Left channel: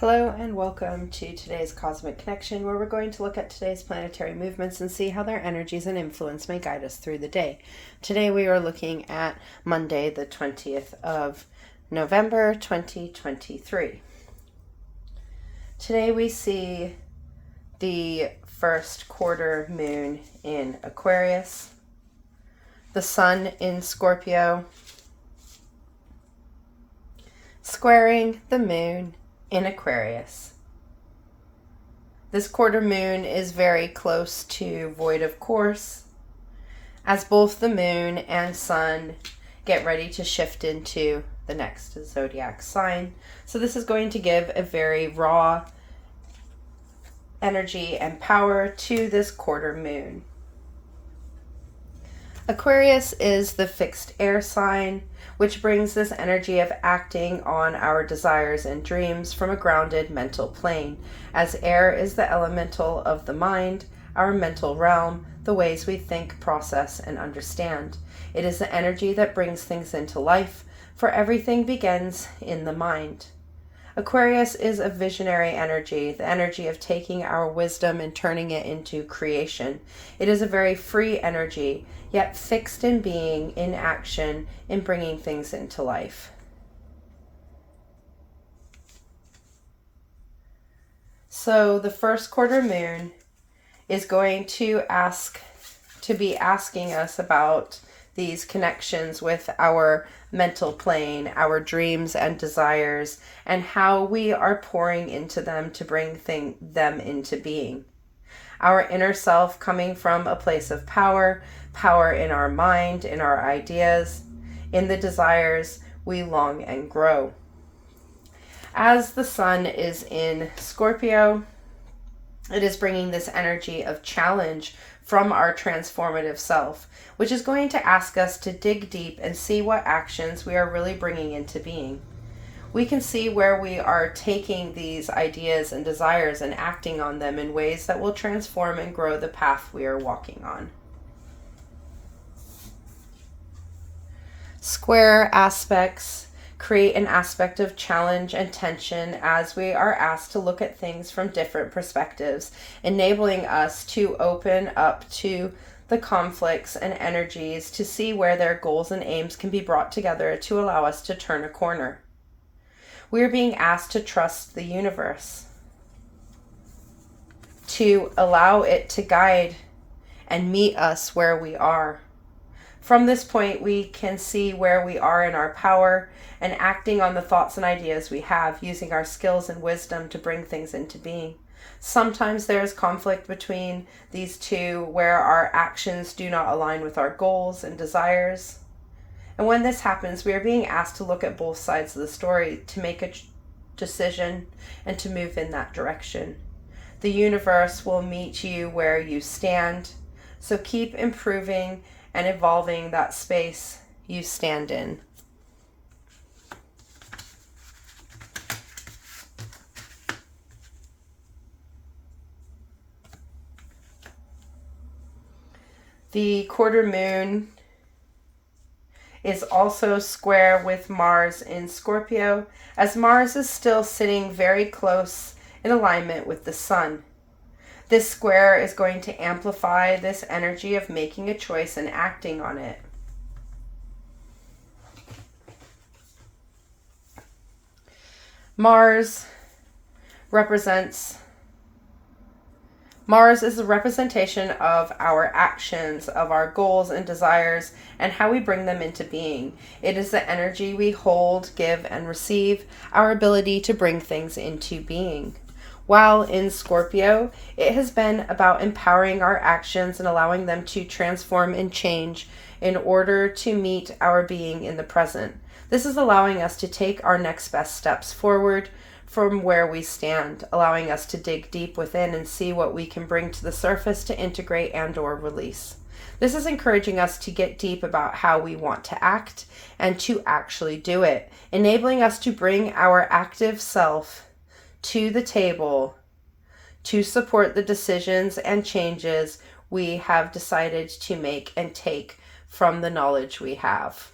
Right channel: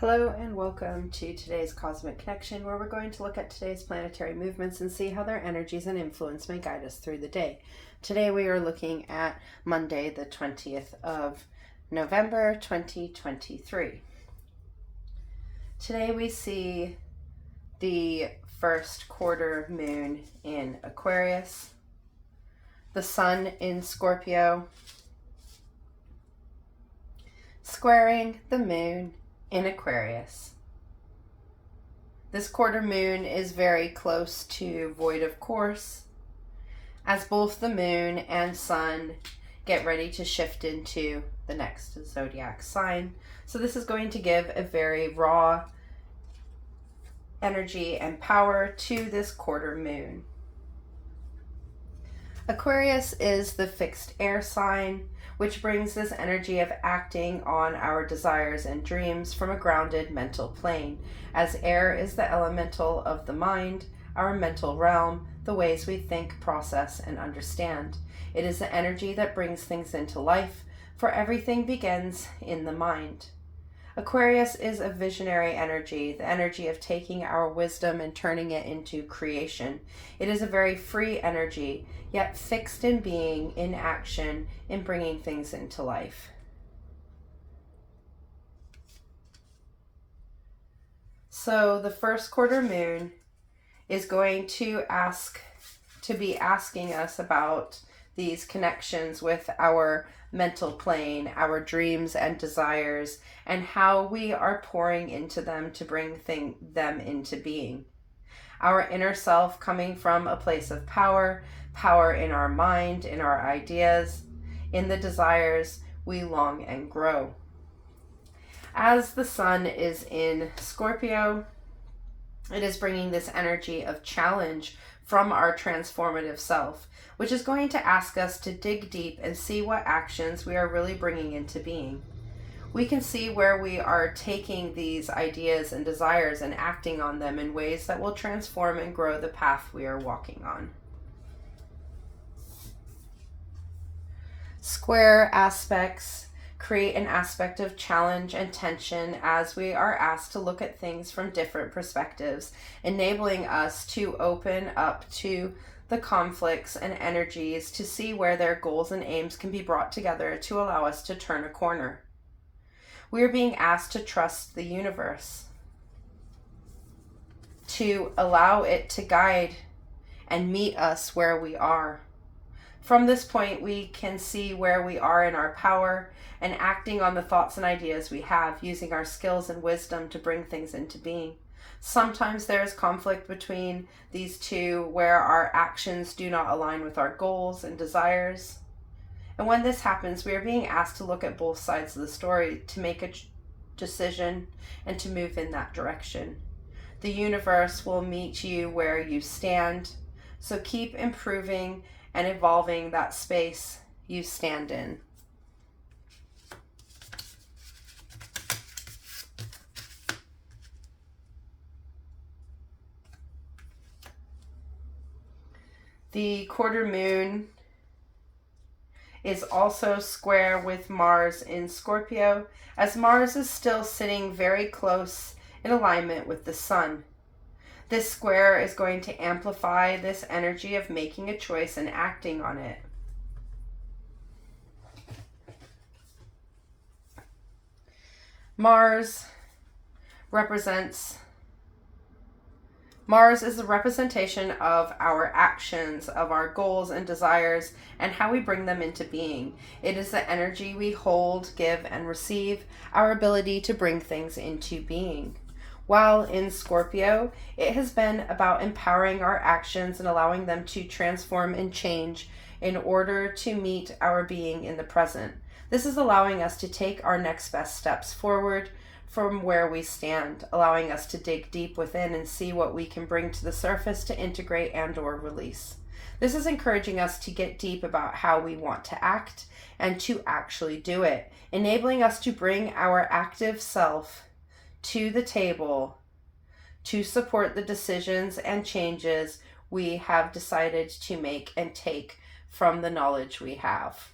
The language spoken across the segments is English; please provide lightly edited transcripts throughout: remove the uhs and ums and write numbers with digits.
Hello and welcome to today's Cosmic Connection, where we're going to look at today's planetary movements and see how their energies and influence may guide us through the day. Today we are looking at Monday, the 20th of November, 2023. Today we see the first quarter moon in Aquarius, the sun in Scorpio, squaring the moon in Aquarius. This quarter moon is very close to void of course, as both the moon and sun get ready to shift into the next zodiac sign. So this is going to give a very raw energy and power to this quarter moon. Aquarius is the fixed air sign, which brings this energy of acting on our desires and dreams from a grounded mental plane, as air is the elemental of the mind, our mental realm, the ways we think, process, and understand. It is the energy that brings things into life, for everything begins in the mind. Aquarius is a visionary energy, the energy of taking our wisdom and turning it into creation. It is a very free energy, yet fixed in being, in action, in bringing things into life. So the first quarter moon is going to be asking us about these connections with our mental plane, our dreams and desires, and how we are pouring into them to bring them into being. Our inner self coming from a place of power in our mind, in our ideas, in the desires we long and grow. As the sun is in Scorpio, it is bringing this energy of challenge from our transformative self, which is going to ask us to dig deep and see what actions we are really bringing into being. We can see where we are taking these ideas and desires and acting on them in ways that will transform and grow the path we are walking on. Square aspects create an aspect of challenge and tension as we are asked to look at things from different perspectives, enabling us to open up to the conflicts and energies to see where their goals and aims can be brought together to allow us to turn a corner. We are being asked to trust the universe, to allow it to guide and meet us where we are. From this point, we can see where we are in our power and acting on the thoughts and ideas we have, using our skills and wisdom to bring things into being. Sometimes there is conflict between these two where our actions do not align with our goals and desires. And when this happens, we are being asked to look at both sides of the story to make a decision and to move in that direction. The universe will meet you where you stand, so keep improving and evolving that space you stand in. The quarter moon is also square with Mars in Scorpio, as Mars is still sitting very close in alignment with the sun. This square is going to amplify this energy of making a choice and acting on it. Mars is the representation of our actions, of our goals and desires, and how we bring them into being. It is the energy we hold, give, and receive, our ability to bring things into being. While in Scorpio, it has been about empowering our actions and allowing them to transform and change in order to meet our being in the present. This is allowing us to take our next best steps forward from where we stand, allowing us to dig deep within and see what we can bring to the surface to integrate and or release. This is encouraging us to get deep about how we want to act and to actually do it, enabling us to bring our active self to the table to support the decisions and changes we have decided to make and take from the knowledge we have.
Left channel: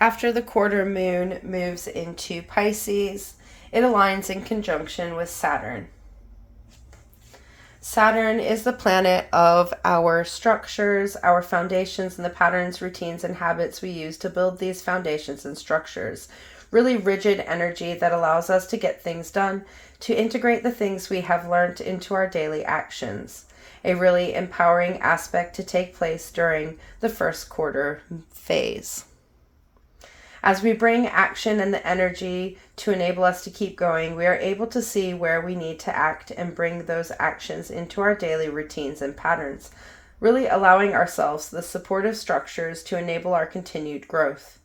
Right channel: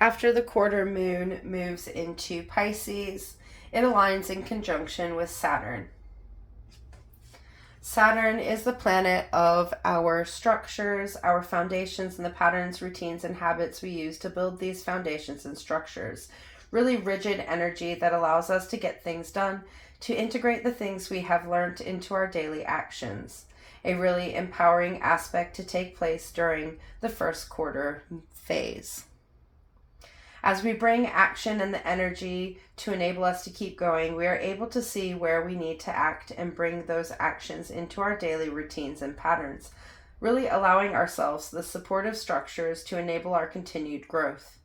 After the quarter moon moves into Pisces, it aligns in conjunction with Saturn. Saturn is the planet of our structures, our foundations, and the patterns, routines, and habits we use to build these foundations and structures. Really rigid energy that allows us to get things done, to integrate the things we have learned into our daily actions. A really empowering aspect to take place during the first quarter phase. As we bring action and the energy to enable us to keep going, we are able to see where we need to act and bring those actions into our daily routines and patterns, really allowing ourselves the supportive structures to enable our continued growth.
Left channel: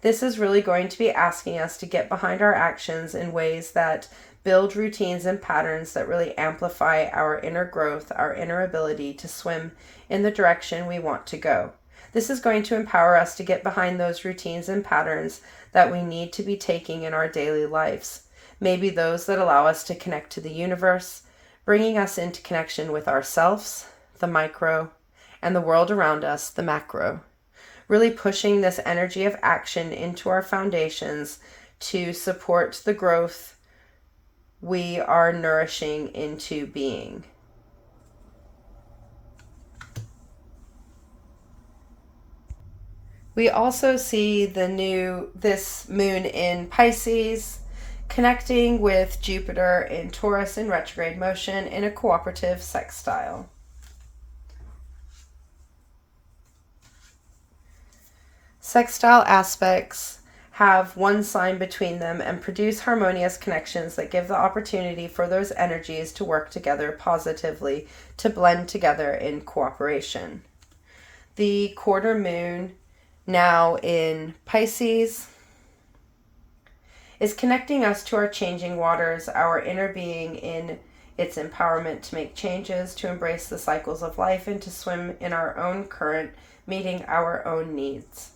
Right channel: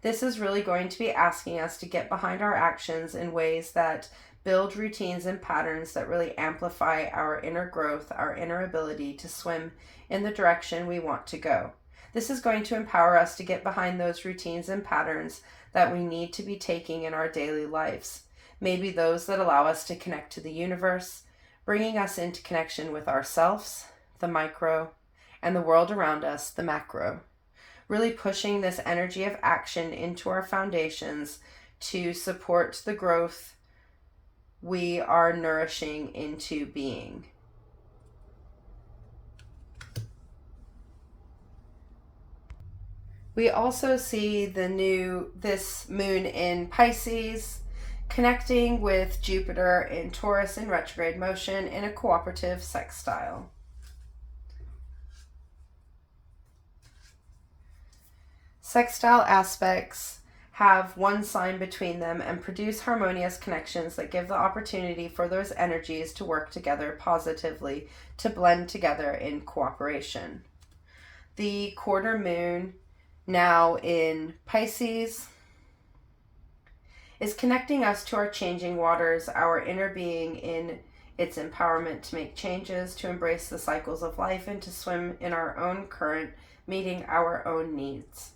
This is really going to be asking us to get behind our actions in ways that build routines and patterns that really amplify our inner growth, our inner ability to swim in the direction we want to go. This is going to empower us to get behind those routines and patterns that we need to be taking in our daily lives. Maybe those that allow us to connect to the universe, bringing us into connection with ourselves, the micro, and the world around us, the macro. Really pushing this energy of action into our foundations to support the growth we are nourishing into being. We also see this moon in Pisces connecting with Jupiter in Taurus in retrograde motion in a cooperative sextile. Sextile aspects have one sign between them and produce harmonious connections that give the opportunity for those energies to work together positively, to blend together in cooperation. The quarter moon, now in Pisces, is connecting us to our changing waters, our inner being in its empowerment to make changes, to embrace the cycles of life, and to swim in our own current, meeting our own needs.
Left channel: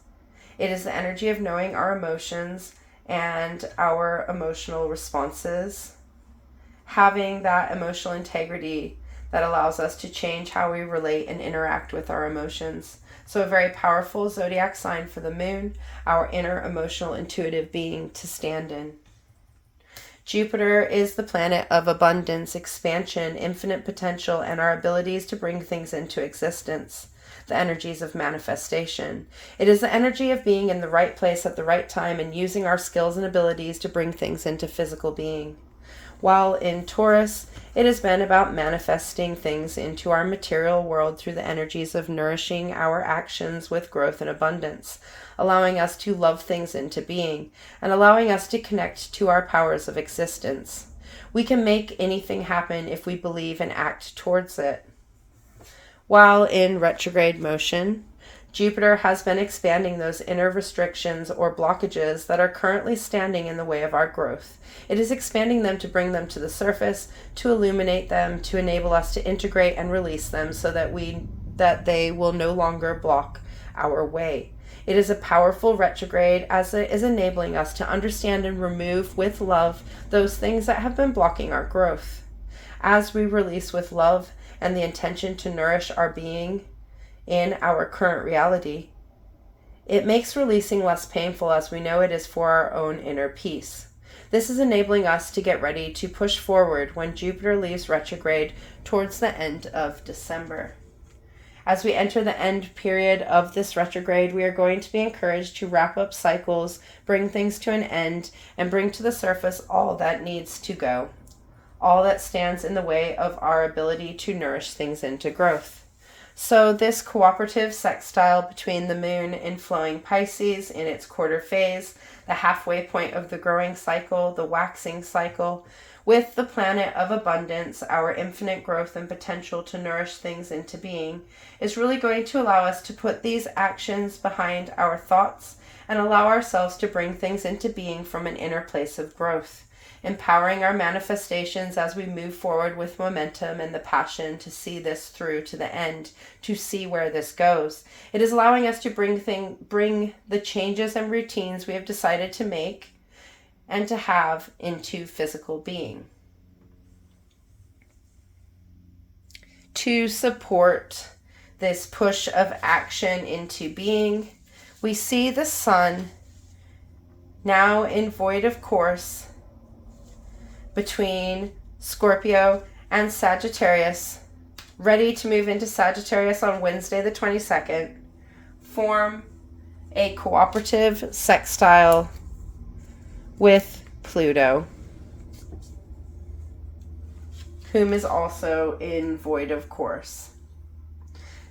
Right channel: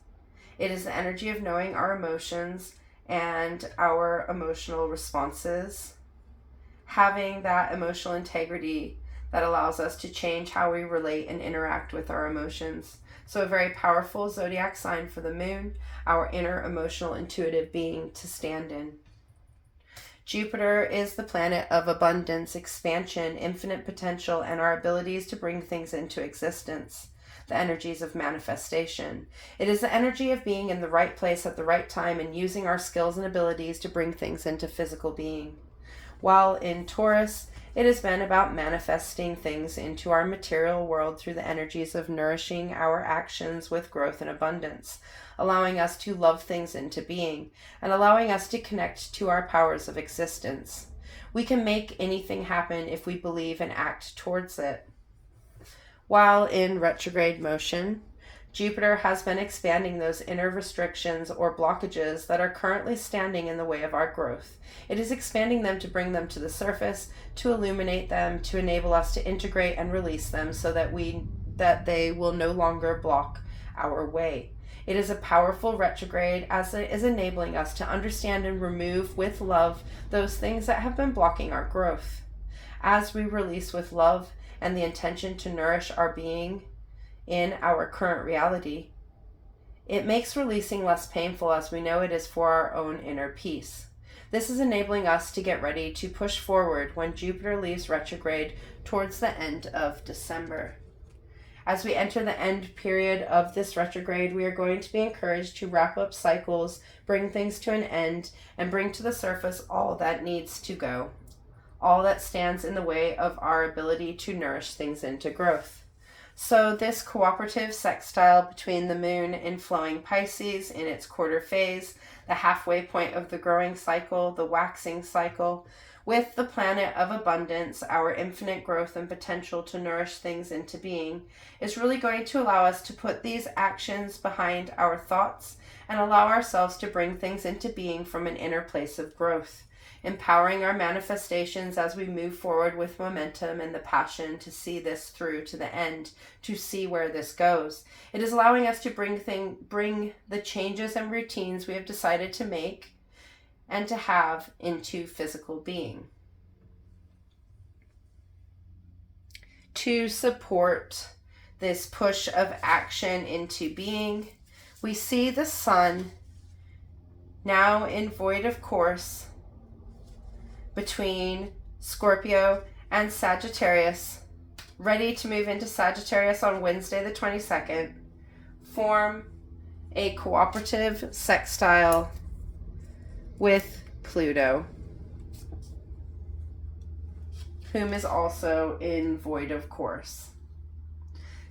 It is the energy of knowing our emotions and our emotional responses, having that emotional integrity that allows us to change how we relate and interact with our emotions. So a very powerful zodiac sign for the moon, our inner emotional intuitive being to stand in. Jupiter is the planet of abundance, expansion, infinite potential, and our abilities to bring things into existence. The energies of manifestation. It is the energy of being in the right place at the right time and using our skills and abilities to bring things into physical being. While in Taurus, it has been about manifesting things into our material world through the energies of nourishing our actions with growth and abundance, allowing us to love things into being, and allowing us to connect to our powers of existence. We can make anything happen if we believe and act towards it. While in retrograde motion, Jupiter has been expanding those inner restrictions or blockages that are currently standing in the way of our growth. It is expanding them to bring them to the surface, to illuminate them, to enable us to integrate and release them so that they will no longer block our way. It is a powerful retrograde as it is enabling us to understand and remove with love those things that have been blocking our growth. As we release with love and the intention to nourish our being in our current reality, it makes releasing less painful as we know it is for our own inner peace. This is enabling us to get ready to push forward when Jupiter leaves retrograde towards the end of December. As we enter the end period of this retrograde, we are going to be encouraged to wrap up cycles, bring things to an end, and bring to the surface all that needs to go, all that stands in the way of our ability to nourish things into growth. So this cooperative sextile between the moon and flowing Pisces in its quarter phase, the halfway point of the growing cycle, the waxing cycle, with the planet of abundance, our infinite growth and potential to nourish things into being, is really going to allow us to put these actions behind our thoughts and allow ourselves to bring things into being from an inner place of growth, empowering our manifestations as we move forward with momentum and the passion to see this through to the end, to see where this goes. It is allowing us to bring the changes and routines we have decided to make and to have into physical being. To support this push of action into being, we see the sun now in void of course between Scorpio and Sagittarius, ready to move into Sagittarius on Wednesday the 22nd, form a cooperative sextile with Pluto, whom is also in void of course,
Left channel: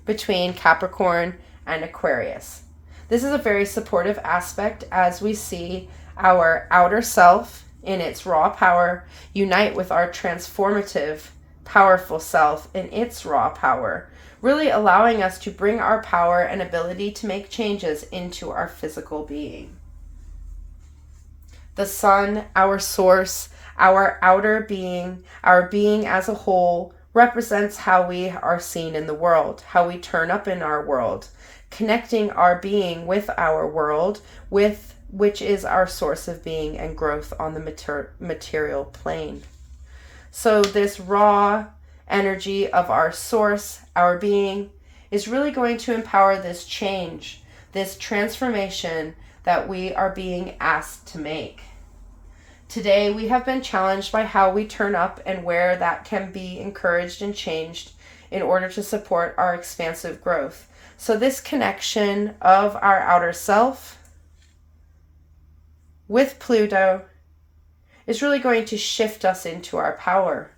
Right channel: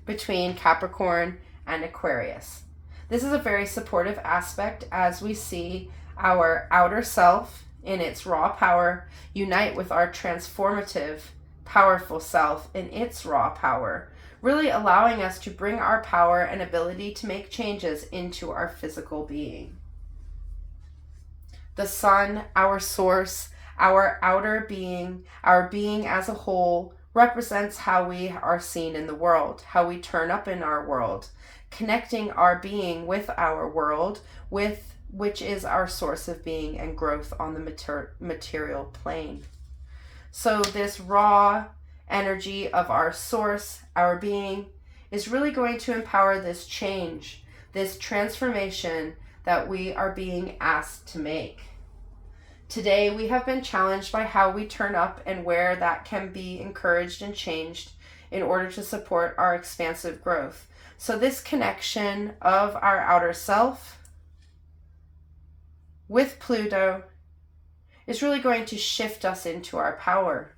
between Capricorn and Aquarius. This is a very supportive aspect as we see our outer self in its raw power unite with our transformative, powerful self in its raw power, really allowing us to bring our power and ability to make changes into our physical being. The sun, our source, our outer being, our being as a whole, represents how we are seen in the world, how we turn up in our world, connecting our being with our world, which is our source of being and growth on the material plane. So this raw energy of our source, our being, is really going to empower this change, this transformation that we are being asked to make. Today, we have been challenged by how we turn up and where that can be encouraged and changed in order to support our expansive growth. So this connection of our outer self with Pluto is really going to shift us into our power.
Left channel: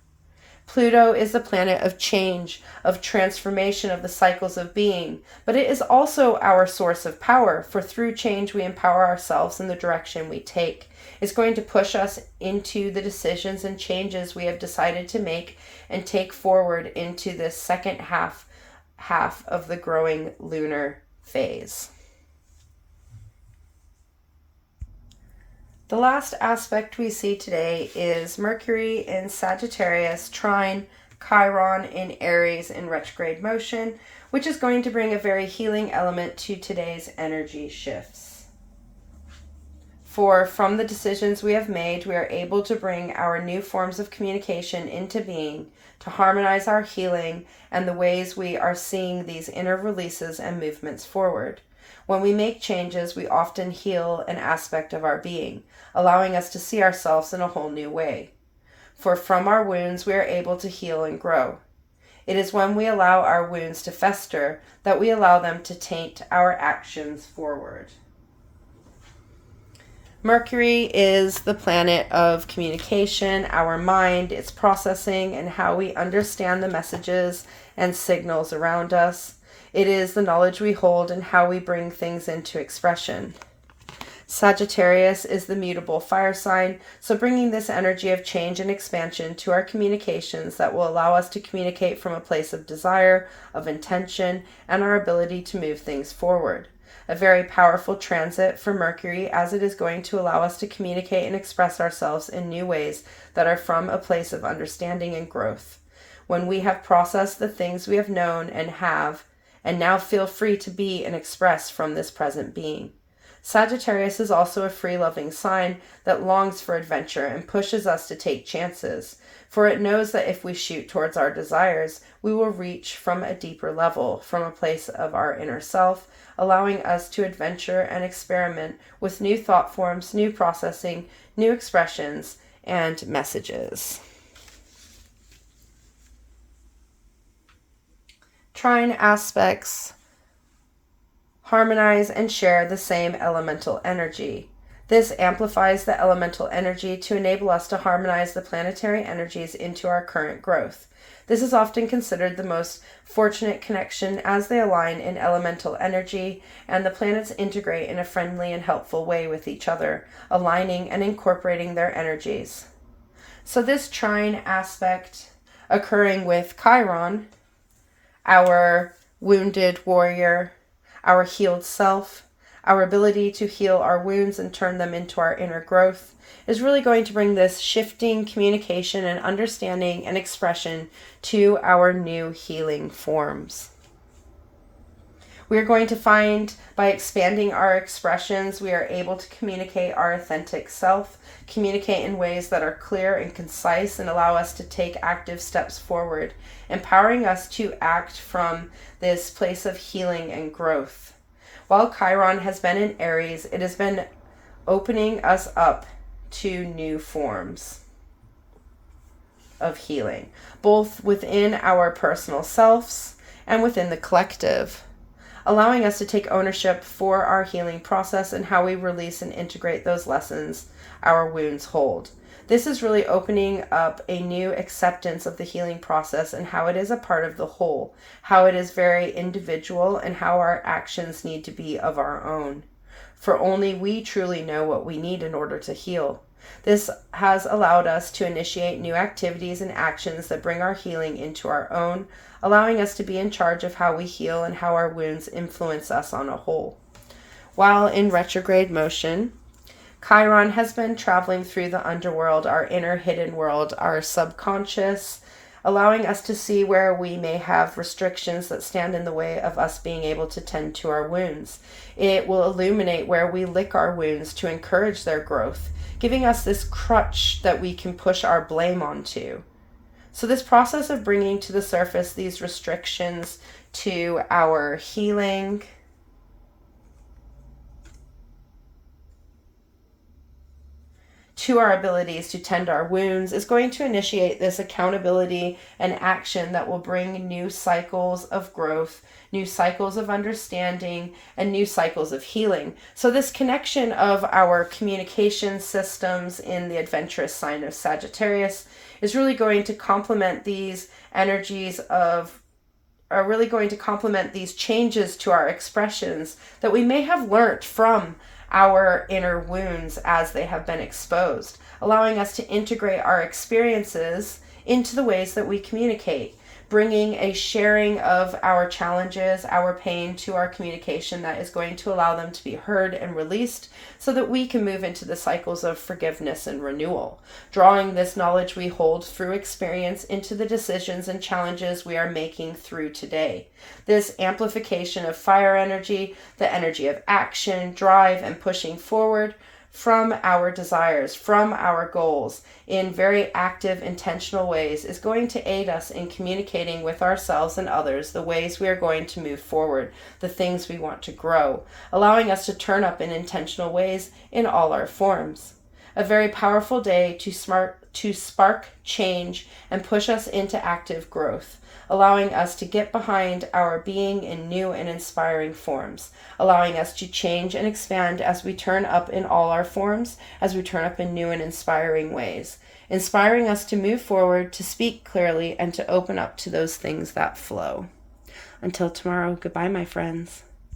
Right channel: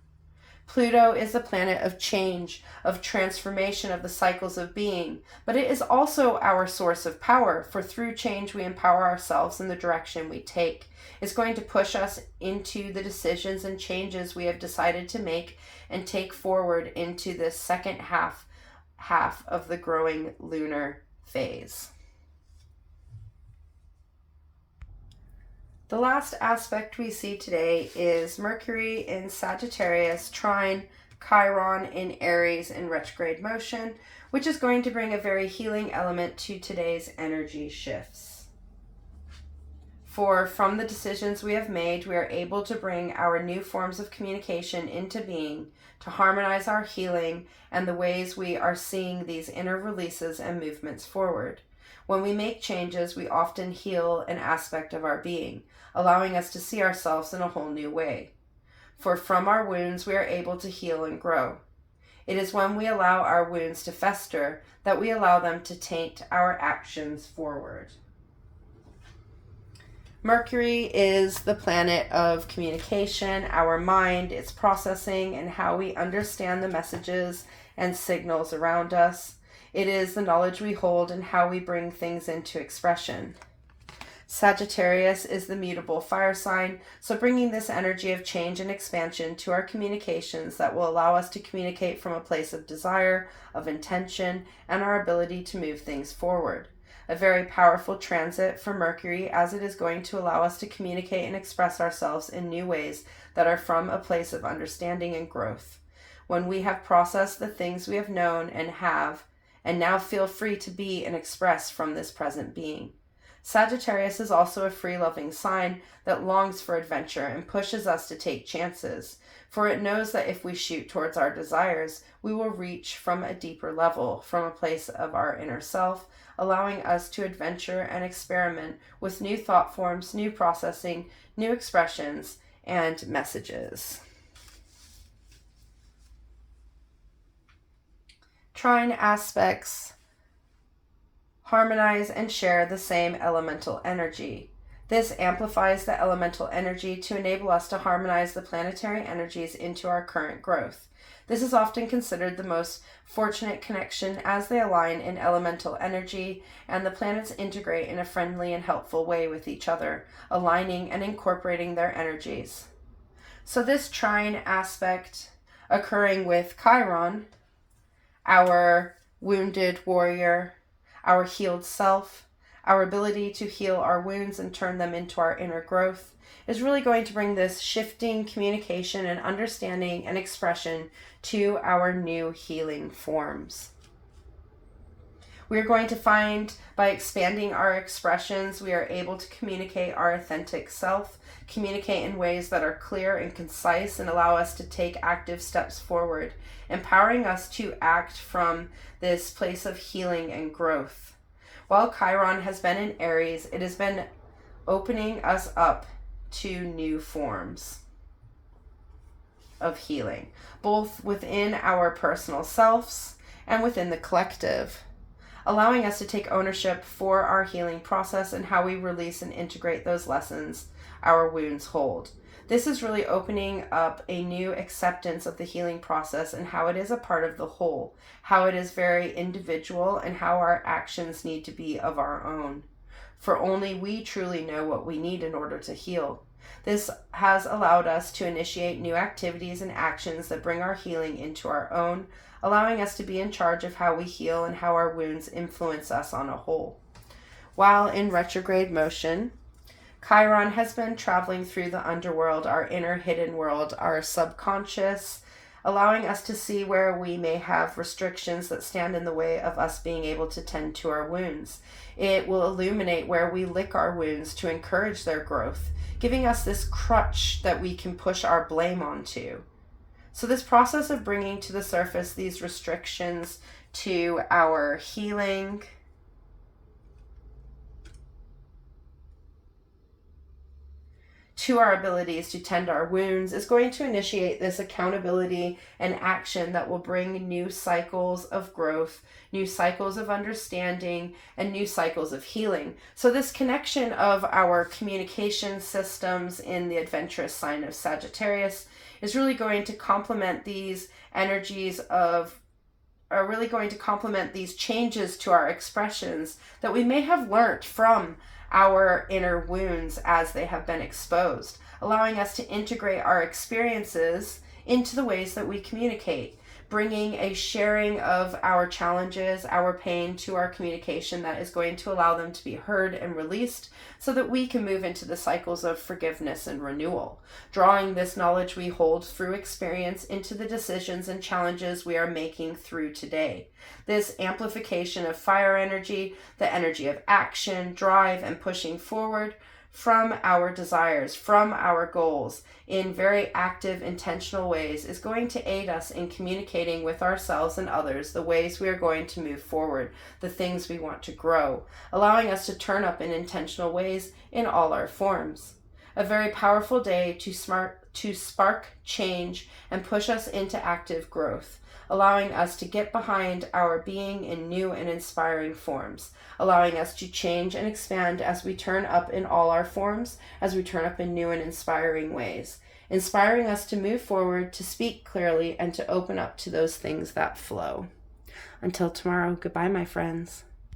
Pluto is the planet of change, of transformation of the cycles of being, but it is also our source of power, for through change we empower ourselves in the direction we take. It's going to push us into the decisions and changes we have decided to make and take forward into this second half of the growing lunar phase. The last aspect we see today is Mercury in Sagittarius trine Chiron in Aries in retrograde motion, which is going to bring a very healing element to today's energy shifts. For from the decisions we have made, we are able to bring our new forms of communication into being to harmonize our healing and the ways we are seeing these inner releases and movements forward. When we make changes, we often heal an aspect of our being, allowing us to see ourselves in a whole new way. For from our wounds, we are able to heal and grow. It is when we allow our wounds to fester that we allow them to taint our actions forward. Mercury is the planet of communication, our mind, its processing, and how we understand the messages and signals around us. It is the knowledge we hold and how we bring things into expression. Sagittarius is the mutable fire sign, so bringing this energy of change and expansion to our communications that will allow us to communicate from a place of desire, of intention, and our ability to move things forward. A very powerful transit for Mercury, as it is going to allow us to communicate and express ourselves in new ways that are from a place of understanding and growth. When we have processed the things we have known and now feel free to be and express from this present being. Sagittarius is also a free-loving sign that longs for adventure and pushes us to take chances, for it knows that if we shoot towards our desires, we will reach from a deeper level, from a place of our inner self, allowing us to adventure and experiment with new thought forms, new processing, new expressions, and messages. Trine aspects harmonize and share the same elemental energy. This amplifies the elemental energy to enable us to harmonize the planetary energies into our current growth. This is often considered the most fortunate connection as they align in elemental energy and the planets integrate in a friendly and helpful way with each other, aligning and incorporating their energies. So this trine aspect occurring with Chiron, our wounded warrior, our healed self, our ability to heal our wounds and turn them into our inner growth, is really going to bring this shifting communication and understanding and expression to our new healing forms. We are going to find by expanding our expressions, we are able to communicate our authentic self, communicate in ways that are clear and concise and allow us to take active steps forward, empowering us to act from this place of healing and growth. While Chiron has been in Aries, it has been opening us up to new forms of healing, both within our personal selves and within the collective, allowing us to take ownership for our healing process and how we release and integrate those lessons our wounds hold. This is really opening up a new acceptance of the healing process and how it is a part of the whole, how it is very individual, and how our actions need to be of our own. For only we truly know what we need in order to heal. This has allowed us to initiate new activities and actions that bring our healing into our own, allowing us to be in charge of how we heal and how our wounds influence us on a whole. While in retrograde motion, Chiron has been traveling through the underworld, our inner hidden world, our subconscious, allowing us to see where we may have restrictions that stand in the way of us being able to tend to our wounds. It will illuminate where we lick our wounds to encourage their growth, giving us this crutch that we can push our blame onto. So this process of bringing to the surface these restrictions to our healing, to our abilities to tend our wounds, is going to initiate this accountability and action that will bring new cycles of growth, new cycles of understanding, and new cycles of healing. So this connection of our communication systems in the adventurous sign of Sagittarius is really going to complement these energies are really going to complement these changes to our expressions that we may have learnt from our inner wounds as they have been exposed, allowing us to integrate our experiences into the ways that we communicate, bringing a sharing of our challenges, our pain to our communication that is going to allow them to be heard and released so that we can move into the cycles of forgiveness and renewal, drawing this knowledge we hold through experience into the decisions and challenges we are making through today. This amplification of fire energy, the energy of action, drive, and pushing forward from our desires, from our goals, in very active, intentional ways, is going to aid us in communicating with ourselves and others the ways we are going to move forward, the things we want to grow, allowing us to turn up in intentional ways in all our forms. A very powerful day to spark change and push us into active growth, allowing us to get behind our being in new and inspiring forms, allowing us to change and expand as we turn up in all our forms, as we turn up in new and inspiring ways, inspiring us to move forward, to speak clearly, and to open up to those things that flow. Until tomorrow, goodbye, my friends.